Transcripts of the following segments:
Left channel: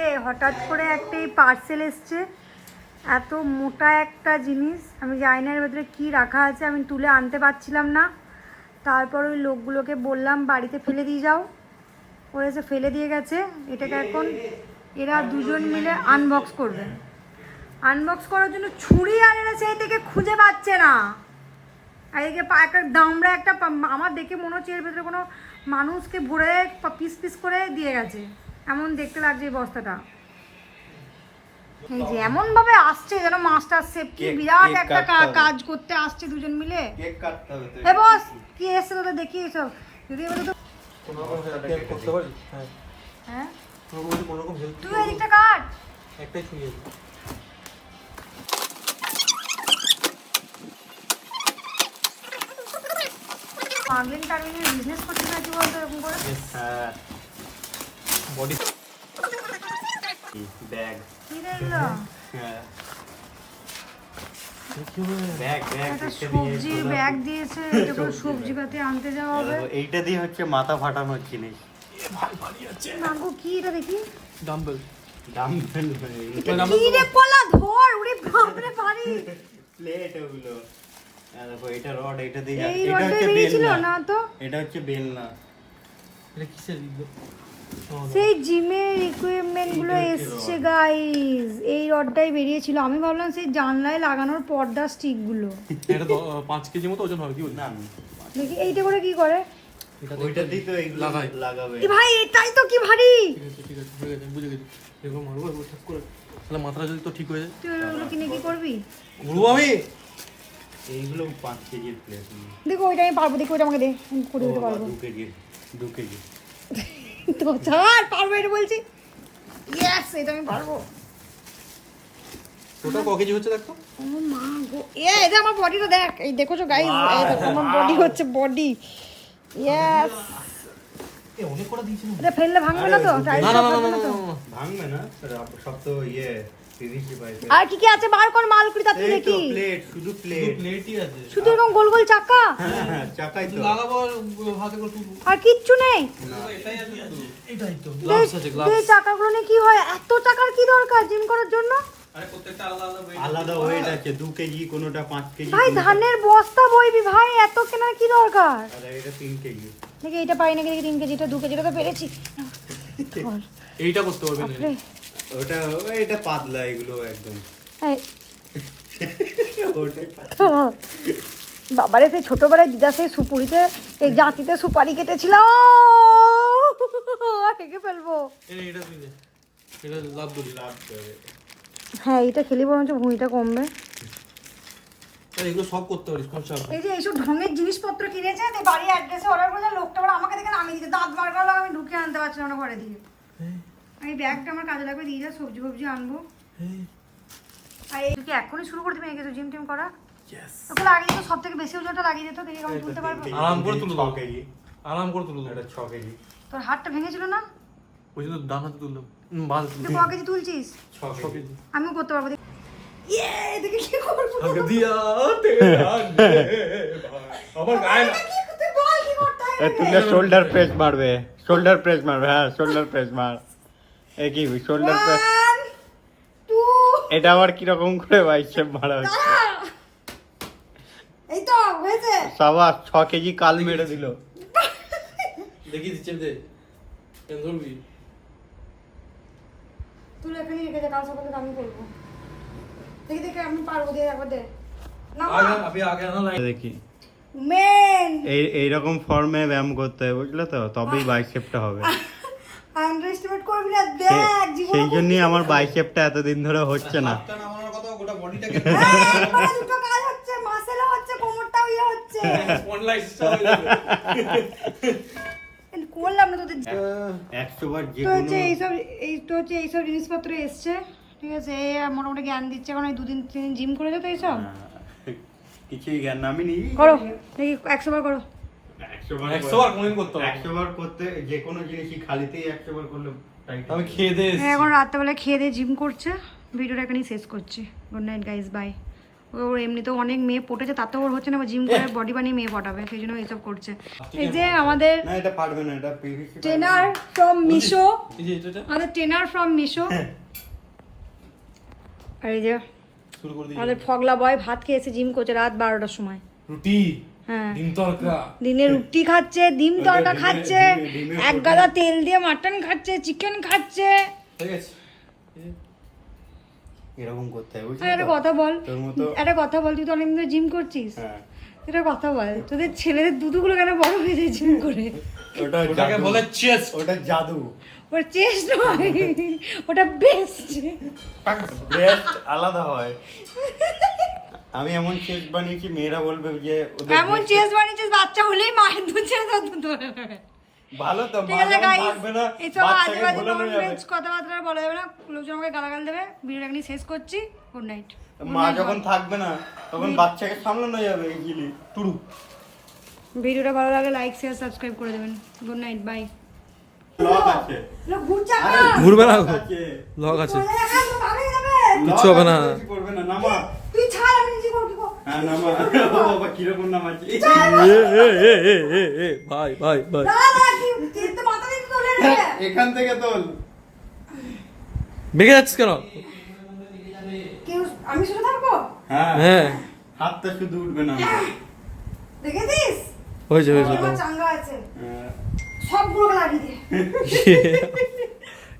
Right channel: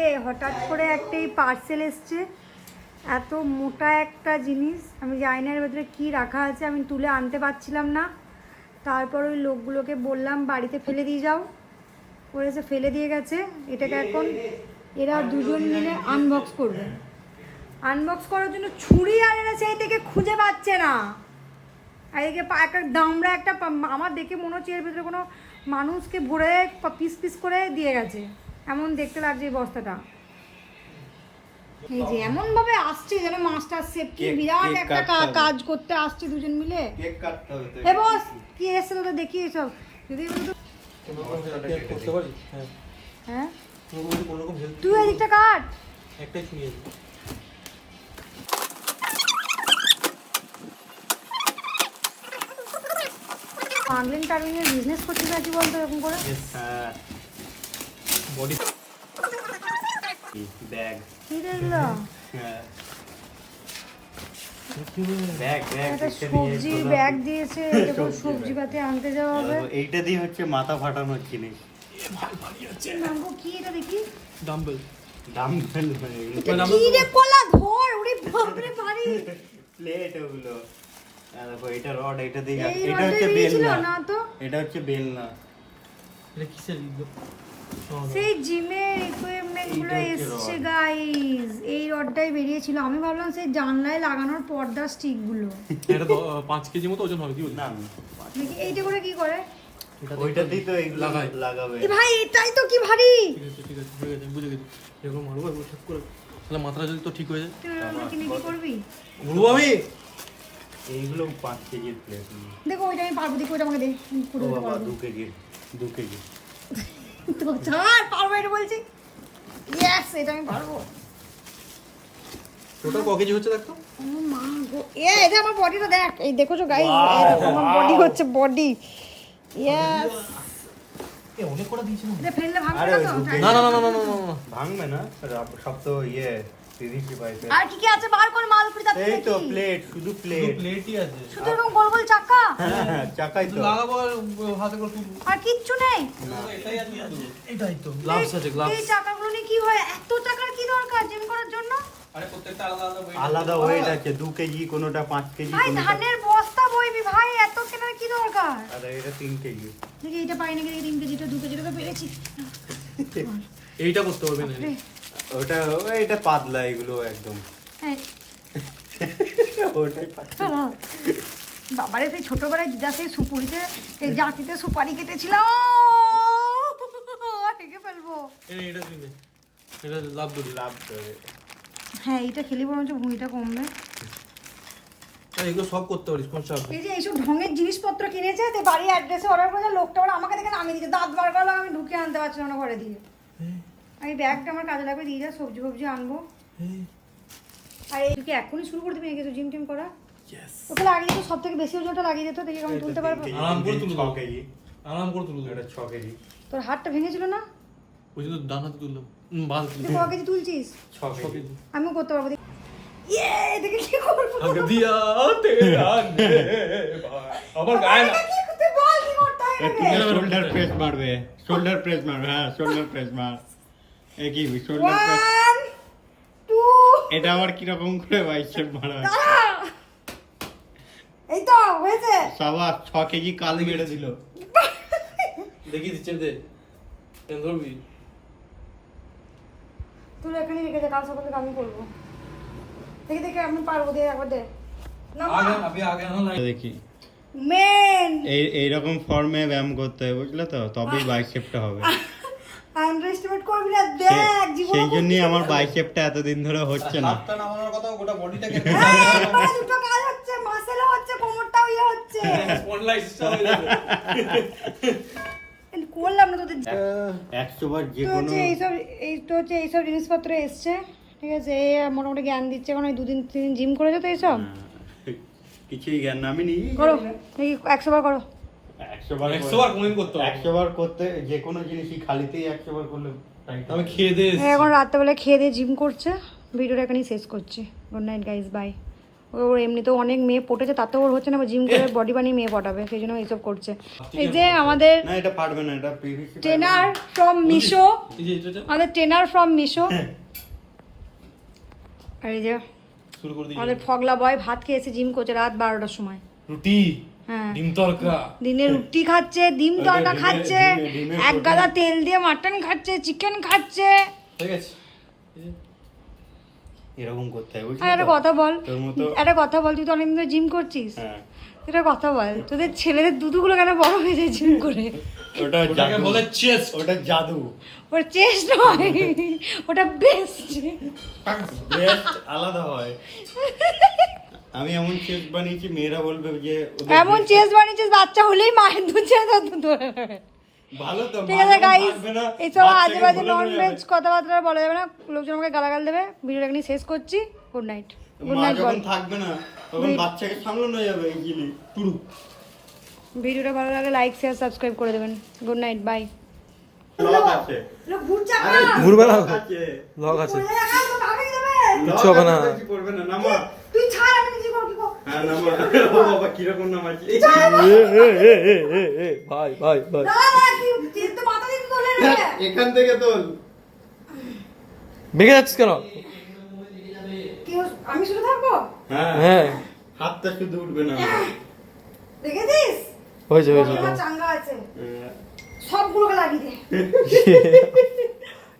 যে হঠাৎ করে একটা পার্সেল এসছে, এত মোটা একটা জিনিস, আমি জানি না এর ভেতরে কী রাখা আছে, আমি তুলে আনতে পারছিলাম না। তারপর ওই লোকগুলোকে বললাম বাড়িতে ফেলে দিয়ে যাও, ওরা এসে ফেলে দিয়ে গেছে। এটাকে এখন এরা দুজন মিলে আনবক্স করবে। আনবক্স করার জন্য ছুরি আর এরা সেই থেকে খুঁজে পাচ্ছে না। আর এদিকে একটা দামড়া একটা, আমার দেখে মনে হচ্ছে এর ভেতরে কোনো মানুষকে ভরে পিস পিস করে দিয়ে গেছে, এমন দেখতে লাগছে এই বস্তাটা। এই যে এমন ভাবে আসছে যেন মাস্টার শেফ কি বিরাট একটা কাজ করতে আসছে দুজন মিলে। কেক কাটতে হবে। এ বস কি এসে তোদের দেখি এসব, যদি এগুলো তো করতে পারি। হ্যাঁ কোনো রকম হেল্প তুই এদিকটা কাট। একটাই ছুরি আছে। পাগলিং টাগলিং এর বিজনেস করতে চাইছি বলতো এরকম করে। হ্যাঁ বডি ব্যাগ। কি দিল? হ্যাঁ ব্যাগ ব্যাগ একটা সবজির ব্যাগ দিয়েছে, এটা করে সবজি পাতি আনতে যাওয়া হবে। এইটা দিয়ে হচ্ছে মাথা ফাটানোর জিনিস। ভাই ভারী আছে। মাগো কি এটা দেখি? ডাম্বেল। ডাম্বেল এটা কি রে পোলা ধর, ওরে বাপ রে ভারী। প্লেট ওগুলো। আর দেখো এটা রড, এটা দিয়ে এই এটা রডটা হচ্ছে বেরিয়েছিল বেলনা না তো? এটা হচ্ছে বেলনা। এটা কিসের লিখবে? সেই জিমের ইকুইপমেন্ট গুলো এইটা হচ্ছে এসছে রড। গাইস। এই রডটাই বেরিয়েছিল, আমি ভাবলাম সেই জানলায় লাগানোর পর্দা স্টিক গুলো। এটা 5 কেজি মতো ওজন হবে কি বলি? না দেখি এইটা করে কি করে? ওইটা দিয়ে তো এগুলো লাগাই। লাগাবে। কি ভাই এটাই তো কি ভারী। ঠিক আছে হয়ে গেছে, বুঝে গেছি। এরকম মারবো একবার ঠিক করে, তাহলে মাথাটা যদি তো ঠিক হয়ে যায়। তুই আমাকে কিনে কি করবি? ঘুরবো আমি। এইগুলো 5 কেজির প্লেট। দেখো ওইটা আমি পারবো, দেখো ওইটা আমাকে দে, আমি করে দিতে পারবো। 2 কেজি তো ছাড়, পারবো এটা বলছি। ইয়েস, এটা আমি পারবো। ওটা ক কেজি হচ্ছে দেখো। ও মা গো, এটা আমার বডিটা দেখ, এই দেখো তো গাইস, আমার বডি হচ্ছে বডি। ইয়েস, এ অনেক করে দিয়েছিল। এটা ফেললে ভাঙবে না তো? আরে, না না না না না না। ভাঙবে না, সব তো ইয়ে পিভিসি পাইপে। আর কি কি আছে বার কর, মালকুড়ি তাতে এই তো দেখি। প্লেট, শুধু প্লেট। প্লেটই আছে। শুধু এরকম গোল গোল চাকা, হ্যাঁ চাকাই তো। লাগাবো আর হাতে করে তুলবো। আর কিচ্ছু নেই। এটাই আছে শুধু। এটাই তো গ্লাভস আছে, এই গ্লাভস। চাকাগুলো নিয়ে কি হয়? এত টাকার কি দরকার জিম করার জন্য? আরে প্রত্যেকটা আলাদা আলাদা আলাদা ওয়েট আছে, 2 কেজি কোনোটা 5 কেজি ভাই কোনোটা। ধানের বস্তা বইবি ভাই, এত কেনার কি দরকার? আরে এটা 3 কেজি। দেখি এটা পারি নাকি, দেখি 3 কেজি, এটা 2 কেজি, এটা তো পেরেছি। এইটা করতে পারবে না। ওটা এটা পাতলা, এগুলো একদম এই, ওটাই পাতলা। বাবারে সেই ছোটবেলায় দিদা সেই সুপুরিতে এই জাতিতে সুপারি কেটেছিলাম, হেগে ফেলবো। এটা তুই নে। এটা লাভ দড়ি। লাভ করে। হ্যাঁ এটা খেলি বরঞ্চ ভুঁড়িটা কমবে। আর এগুলো সব করতে পারিস, কোন চাপ নেই। এই যে এইসব ঢঙের জিনিসপত্র কিনেছে, তো বাড়ি অ্যাড্রেসে অর্ডার করেছে, লোকটা ওরা আমাকে দেখে নামিয়ে দিচ্ছে, দাঁত বার করলো, আমি ঢুকে আনতে পারছিলাম না ঘরে দিয়ে। আমি ব্যাগটা আমার কাজে লাগবে, দিয়ে যা সবজি ফবজি আনবো। আর এই তুই কি এখনই শুরু করে দিবি নাকি তো জিম টিম করা? তোকে লাগিয়ে দিত, সব থেকে বেশি ওজনটা লাগিয়ে দিত, দেখি কেমন তুলতে পারবো। আরাম করে তুলবো। 6 কেজি। আরাম করে তুলবো। এটা 6 কেজি। তোর হাতটা ভেঙেছিল না? ওই জন্য ডান হাতে তুললাম। বাঁ হাতে তুই তুললাম। ক কেজি তুলছিস? 6 কেজি। আমিও করতে পারবো। ইয়ে, দেখি কি করবো। আগে দিয়া তেরা নে ভাই। আমার গায়ে না। তুই বল কি করতে হয় এটাকে? তুমি শোল্ডার প্রেস মারবে, শোল্ডার প্রেস মারবে। হ্যাঁ শোল্ডার প্রেস মার। এই কি শোল্ডার প্রেস? 1 2 এটা আবার কি রকম করে বাইসেপ মারা হচ্ছে? এই তো হয়েছে। সাবাস, 6 কেজি কাল মেরে দিল। দেখি দিচ্ছে দে। কেন ধরবি? তুই এখানে রেখে যা, কাল সকালে আমি করবো। দেখি দেখি আমি পারবো, দিয়ে একবার দে না। আগে আপনি আগে না লাইন। দেখি মেন এইরকম ফর্মে ব্যায়াম করতে হয়, বুঝলে তো, তবেই বাইসেপটা হবে। আন্ডারএস্টিমেট করবি না, দেখ জীবন। সেই জন্যই আমার বাইসেপটা এতদিন ধরে হচ্ছে না। হাতটা নামানোর কথা, গোটা বডিটাকে দুটো কাজ হচ্ছে, মাসেলও হচ্ছে, কোমরটাও ইয়ে হচ্ছে। স্পন্ডলাইট স্টাইল হয়ে যাবে। করলাম না তোদের। 100 বার যে তো কোনো হচ্ছে এইসব, এই তো হচ্ছে এইসব জিনিসপত্র এসছে, ঠিক আছে। এই মোটামুটি জ্ঞান দিচ্ছে, এখন এই 2 দিন 3 দিন জিম করেছো তো এইসব কিছুই জ্ঞান না, আমি নিই করো। দেখি 100 বার করো। 100 বার 100 বার কোনদিন করতে হবে। 100 বার করতে, যে কোনো জিনিসই খালিতেই 100 বার করলে আমি খেয়ে দিয়ে এখন রাত্রেবেলা খেয়ে দিয়ে জিম করছে। ভিডিওটা এখানেই শেষ করছি। Good night guys, bye. ওর এমনিতেও অনেক মেয়ে পটেছে, তাতেও ওর হচ্ছে না, জিম করে বডি বানিয়ে মেয়ে পটাবে, সেই জন্য এইসব করছে। এই যে আমাদের না এটা পারবে না, এটা PVC ট্রেনার ফ্রম মিশো, এই যে এটা আমাদের ট্রেনার ফ্রম মিশো। আর এই যে শুরু করে দিই। আমাদের ফগলা বয় ভাত খেয়ে এসে জিম করছে রাত 12টার সময়। রুটি, হ্যাঁ, ডিম তড়কা। দিনে রুটি খাচ্ছে, ডিম তড়কা খাচ্ছে, এক গাদা তেল দিয়ে মাটন খাচ্ছে, চিকেন খাচ্ছে। ঠিক আছে। এরকম করতে হয় বুঝলি আর একটা তো? কথা বল, তোর মতো একটা কথা বল, তুই তো অনেকদিন ধরে জিম করছিস, হ্যাঁ এটা কথা বল, তোদের ছেলেদের দুধুগুলো কেন বড় হয়ে যায় জিম করে? ওটা ওটাকে জাদু বলে চেস্ট। ওটা জাদু ওটা চেস্ট নয়, ওটা বেস্ট। ব্রেস্ট আলাদা হয়। আমি এমন চেস্ট বানিয়েছি মেয়েরা বলবে যে ওদের এমন breast- চেস্ট বানিয়েছিস বাচ্চা হলেই মায়ের দুধ ছেড়ে দুধ ভালো তো ঠিক মা আছে যখন গাইস, থাকবে না, এইসব বাচ্চাকে আজে বাজে ভুলে নন যাবে। ভেজ কথাবার্তা বলা যাবে না, লোকজন আমাকে গালাগাল দেবে। ভিডিওটা এখানে শেষ করছি, গুড নাইট। মা যখন থাকবে না তখন বাচ্চাকে সামলানো যাবে ইজিলি। টুরু। ভিডিওটা ভালো লাগে লাইক শেয়ার সাবস্ক্রাইব করে দেবেন। Good night, by. লক আছে ঘুরবে না, আছে লগ আছে। লক কিচ্ছু হবে না। আছে, কিছু করবে না নামা। তুই ছাড়, আমি নিজে করব। হ্যাঁ নামা। ও বাবা কিরকম নামাচ্ছি। ভাই ভাই ভাই। এখান থেকে তোল। ভেঙে যাচ্ছিস কেন? আমি শুধু থাকবো, হ্যাঁ হ্যাঁ, হাতটা শুধু উঠবে না। দেখেছিস হয়েছে হয়েছে। আমার চাঙ্গা আছে, হ্যাঁ। সবগুলো লাগিয়ে দে।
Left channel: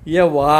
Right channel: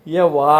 ইয়ে ওয়া